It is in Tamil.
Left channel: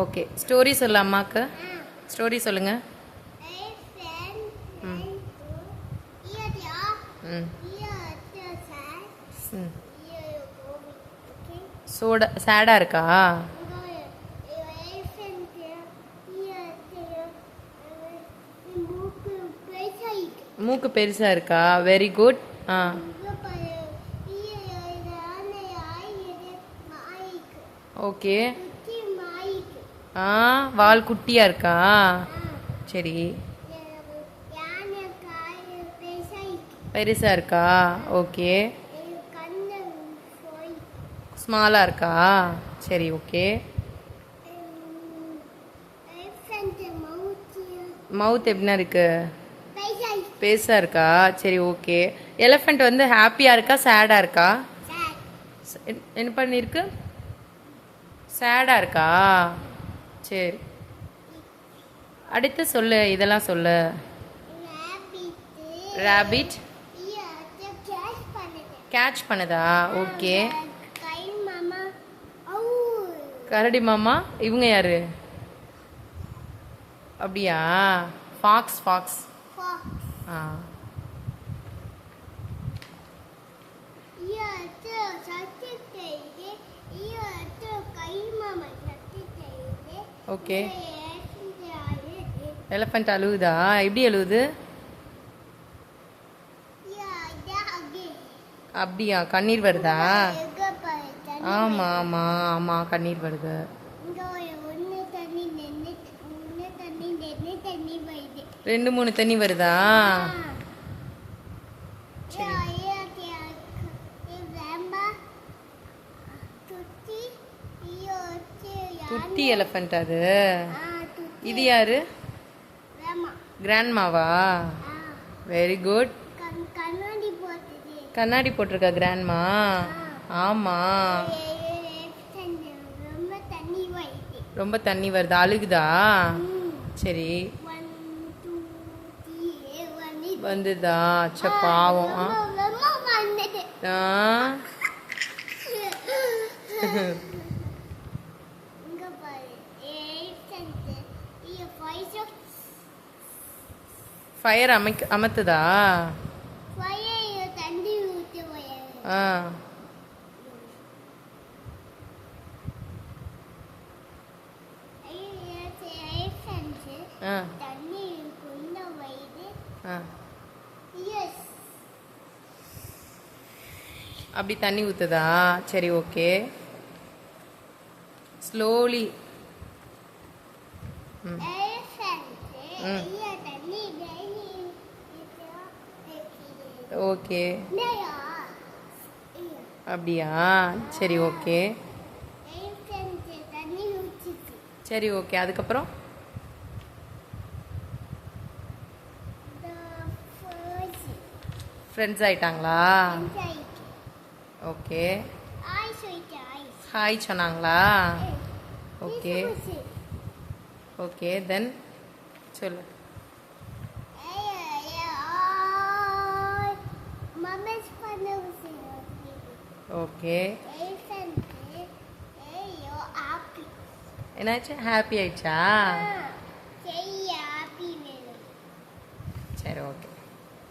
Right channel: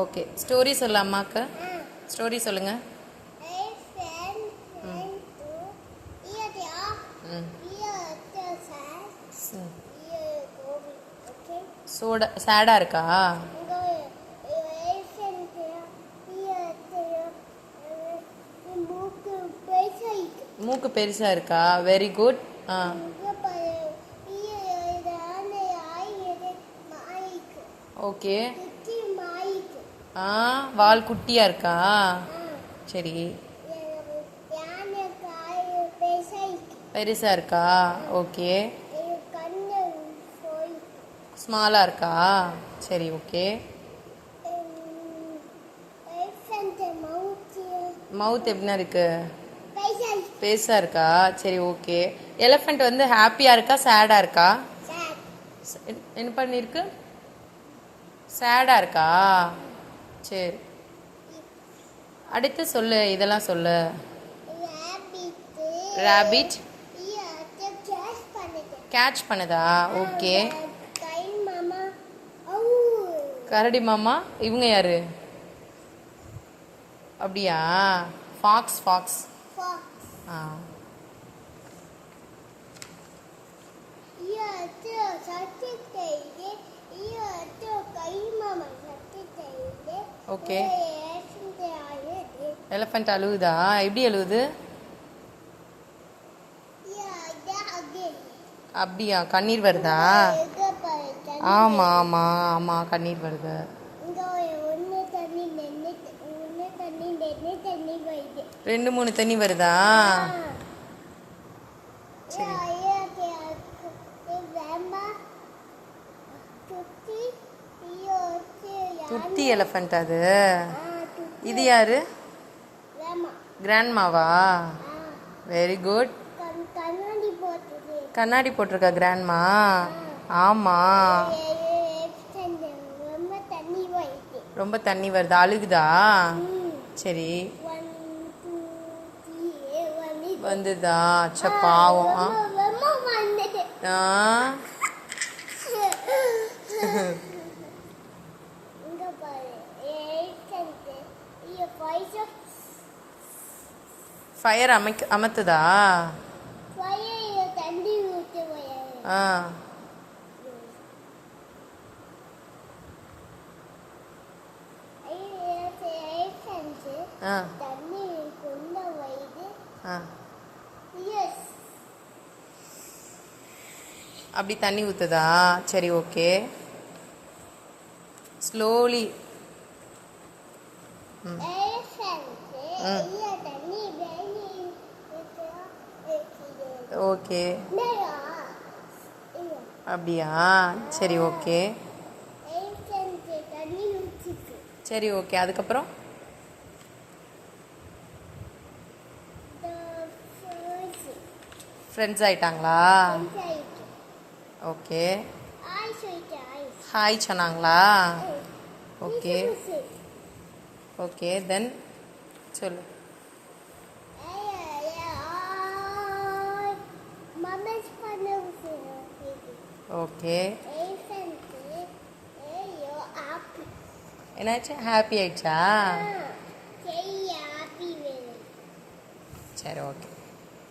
ஓகே, ஸ்டோரி சொல்ல அம்மாக்கு. ஸ்டோரி சொல்லுங்க. சேடா இருக்கா? மூக்கு பெருசா இருக்கா? Very good. ஓகே. வால் குட்டியா இருக்கா? சரி. பெருசா இருக்கா? ஓகே. ஸ்மாலா இருக்கா? சரி, ஓகே. மவுத் எப்படின்னா இருக்கு? பெருசா இருக்கா? சரி, ஓகே. எலிஃபண்ட் வந்து ஹாப்பியா இருக்கா சேடா இருக்கா? என்ன பண்ணிருக்கு? சேடா இருக்கா? சரி, அடுத்து சொல்லு, இதெல்லாம் சொல்லு. ராபிட் கேட்ச் பண்ணுதா? ஓகே. கரடி மாமா இவங்க யாரு? அப்படியா? ஃபாக்ஸ். ஃபாக்ஸ். ஓகே. எலிஃபண்ட் அழுகுதா? எப்படி அழுகுது? அப்படியா? கண்ணீர் வருதா? ஆமா ஆமா ஆமா, கண்ணீர் வருது. ரெண்டு மூணு தண்ணி வருதா? துத்தி எலிஃபண்ட் அது. இது யாரு? கிராண்ட்மாவா? Very good. கண்ணாடி போட்டிருக்கா கிராண்ட்மா? ஆமா. ரொம்ப தண்ணி வருதா? அழுகுதா? சரி, வந்துதா? பாவம். ஃபயர் அமத்துதா? அப்படி தண்ணி ஊத்துதா? சரி, ஓகே. ஸ்லோலி. ஓகே. அப்படியா? சரி, ஓகே. சரி, ஓகே. அதுக்கப்புறம் ஃப்ரெண்ட்ஸ் ஆயிட்டாங்களா? ஓகே. ஹாய் சொன்னாங்களா? ஓகே. ஓகே, தென் சொல்லு. ஓகே. என்னாச்சு? ஹாப்பி ஆயிடுச்சா? சரி, ஓகே.